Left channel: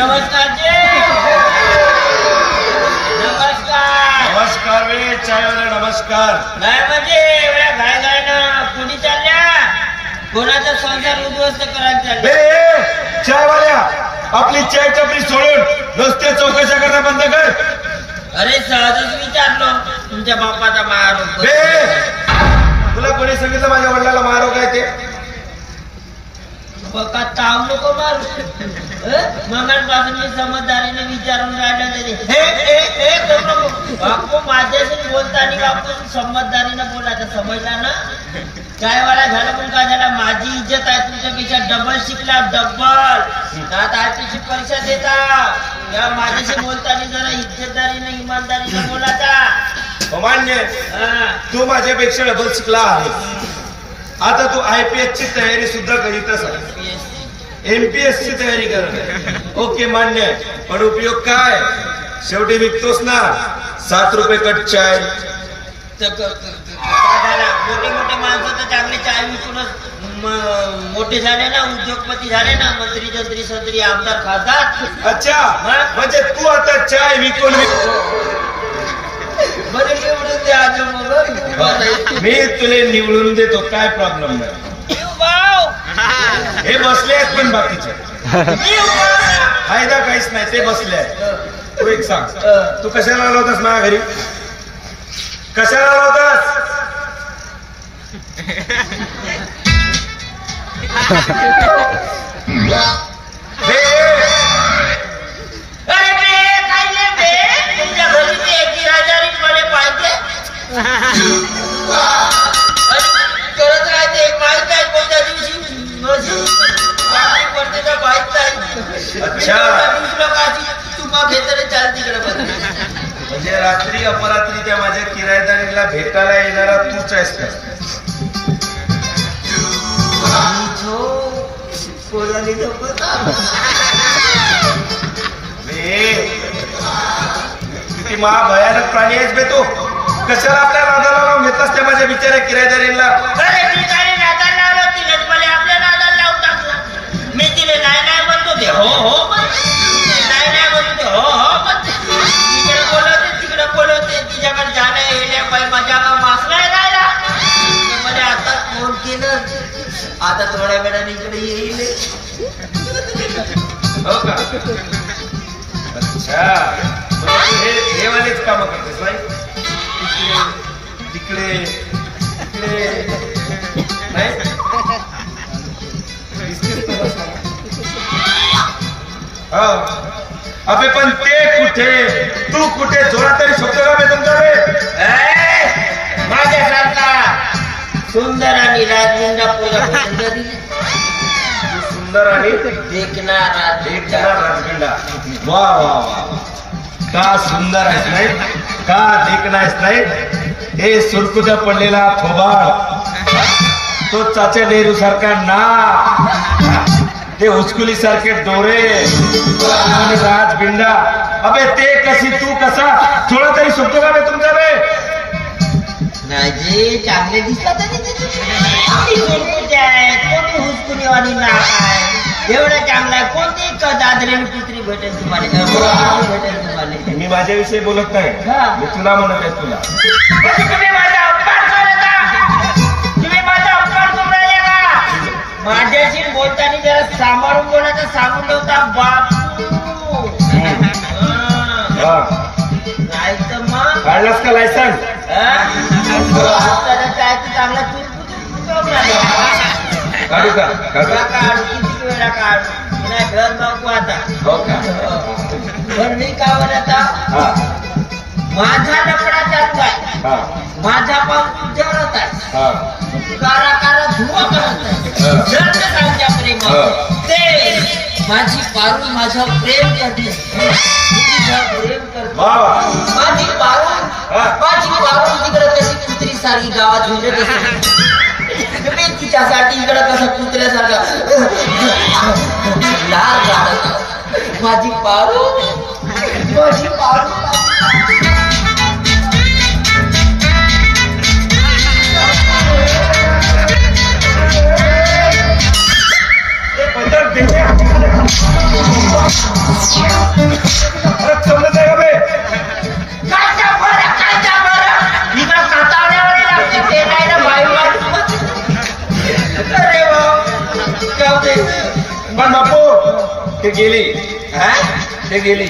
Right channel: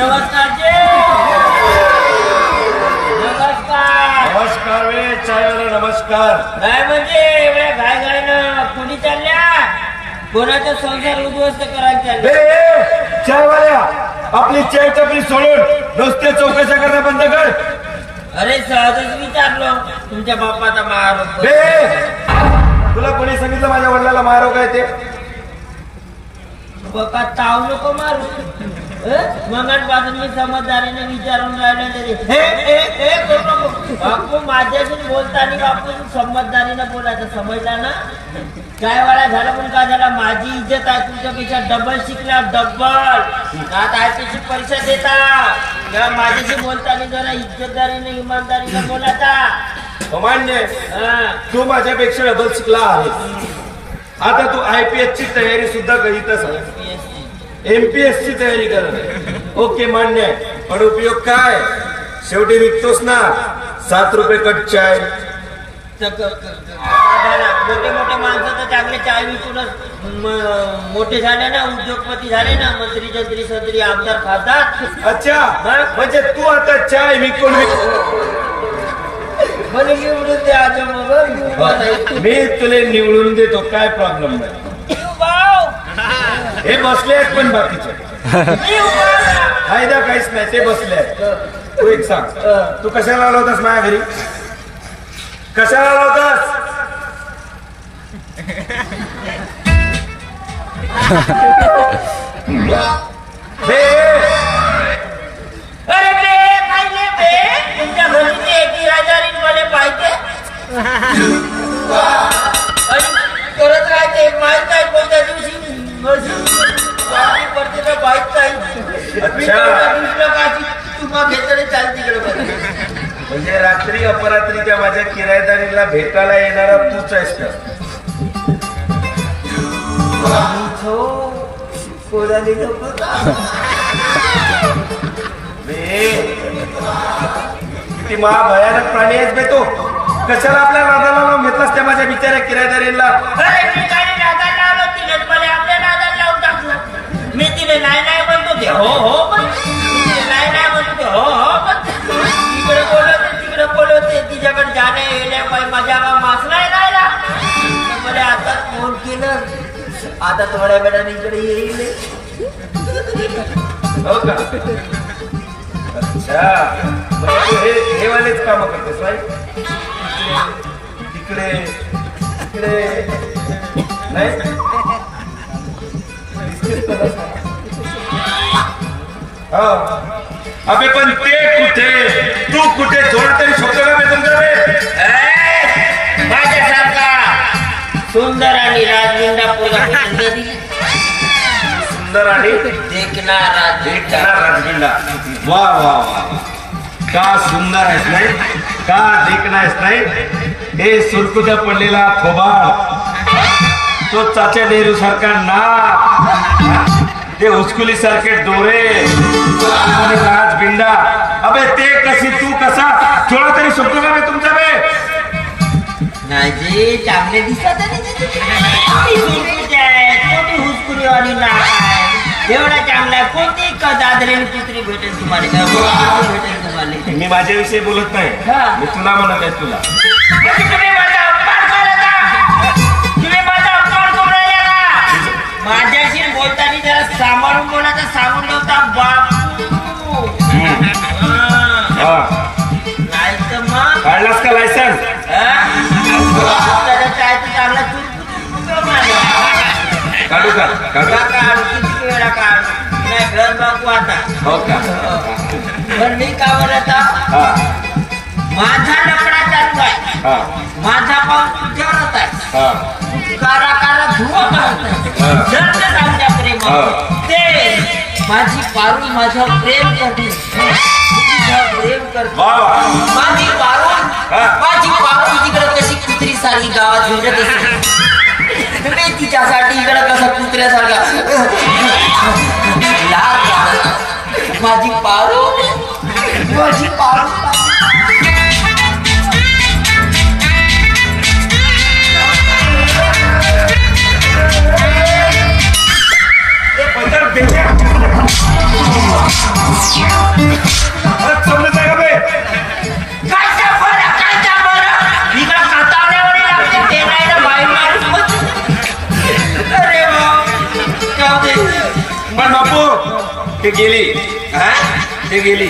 नमस्कार जी. नमस्कार वे चायवाला नमस्कार. काय म्हणजे एवढ्या घायघायनं कुणी चालल्या? कोणाचा संसार उद्ध्वस्त करायला चालल्या? चायवाल्या आपली चाय टपरी सोडून रस्ते चौकशा करणं बंद कर. अरे सहजच विचारलो तुमच्या बापाचा मार. तुला कोणी सांगितलं माझ्या वडिलाला मारो काय ते? बघा ताव नको मारू. मगापासून मी समजदारीने विचारून राहिलो तरी बापू माझ्याशी बोलताना बापू समजदारीनं बोलायचं समजला ना. काय वाळा झालं पण काय झालं माझी इज्जत आहे तुमच्यापेक्षा डबल शिकला डबल. आता आयपीची परीक्षा देता माझ्याशी बोलताना जरा इज्जतदारीने इमानदारीने बोलायचा. मान्य तू माझ्यापेक्षा डबल शिकला आहे. आता तू IPS ची तयारी सुद्धा करीतच MPS ची तयारी कर. ओके मान्य पण उपयोग काय? शेवटी विकतोस ना 7 रुपये कट चाय. मोठे मोठे माणसं तर चांगले चाय विकूनच मोठे झाले ना उद्योगपती झाले ना मंत्री जंत्री संत्री आमदार खासदार. अच्छा म्हणजे तू आता चाय विकून मी तुला निवडून देतो काय प्रॉब्लेम नाही. हे बसले आहेत पण बाकीचे फायदा काहीच नाही ते बसले आहेत. तू एक सांग तू कशाला आला होतास माझ्या घरी? कशाला आला होतास? तुमच्या घरी ते एकी राजारी मध्ये पाहिजे करत राहते माहीत नाही कोणत्या दिवशी पडते ना माहीत नाही. तुम्हाला घेतले चाल तिकडे म्हणजे रात्री अपरात्रीच्या माझ्या किरायदारीला भेटायला येणारा तूच आहेस का? किती महाभयानक प्राणी आहेस बे तू. कशाला आपल्या नादाला लावून घेतलास त्या माझ्या बिचाऱ्या किरायदारीला? मी तिला नाही नाही बोलतो ते हो हो पण नाही नाही बोलतो ते हो हो पण तिकडे बोलवते तिच्याकडे जाणे येण्या माझ्या मासला राहिला. मला आता फोन केलं आता थोड्या वेळाने इकडे येईल. हो का? अच्छा हे वालेच काम करतेस नाही? तिकडे तिकडे नाही अबे पण ते कुठे तू कुठे थोडा तरी शब्द का बेतन जावे? माझ्यासारखा सुंदर आणि राजविंडा पोरगा सुंदर आणि देखणारा राजविंडा. वा वा वा का सुंदर आहेस नाही का देखणा आहेस नाही. हे सुरकुत्या पडलेला थोबाड तो चाचा नेहरू सारखा नाक ते हुचकुली सारखे डोळे राजबिंडा. अबे ते कशी तू कसा थोडा तरी सुटतो का तुमच्या बे? नाही जे चांगले दिसत हुचकुली आणि नाक एवढा चांगला कोणती दादरेली कुत्री भेटेल तुम्हाला? भेटेल तुम्हाला? मी माझ्याविषयी बोलत नाही मी तुला म्हणत आहे. तुला माझ्याशी बोलताना जरा सांभाळून बोलायचं सांगून ठेवता बापू. नाही तर मग काढलास का लायसन्स? काय तू चांगला काढू का? किती वेळा काढ घर बघू आता. हो का? पण मी का बोलत माझा लकडा चालू आहे. माझा पाऊल तुझ्यावर होत आहे. कारा कारा धुवा करत आमच्या प्रेम ते माझी पारू माझ्या प्रेम करते. प्रेम करते माझी पारू तिकडे कशी कुत्री सारखी गावात झुंजत असते. मी तिच्यासाठी इकडे कसा कुत्र्यासारखा माझी पारू माझी पारू. बदल बेल्या समजत आहे का बे काय त्या बरं इकडं कातावण्यावर लागते ते नाही ना बाई अरे पण बापू ते गेली ते गेली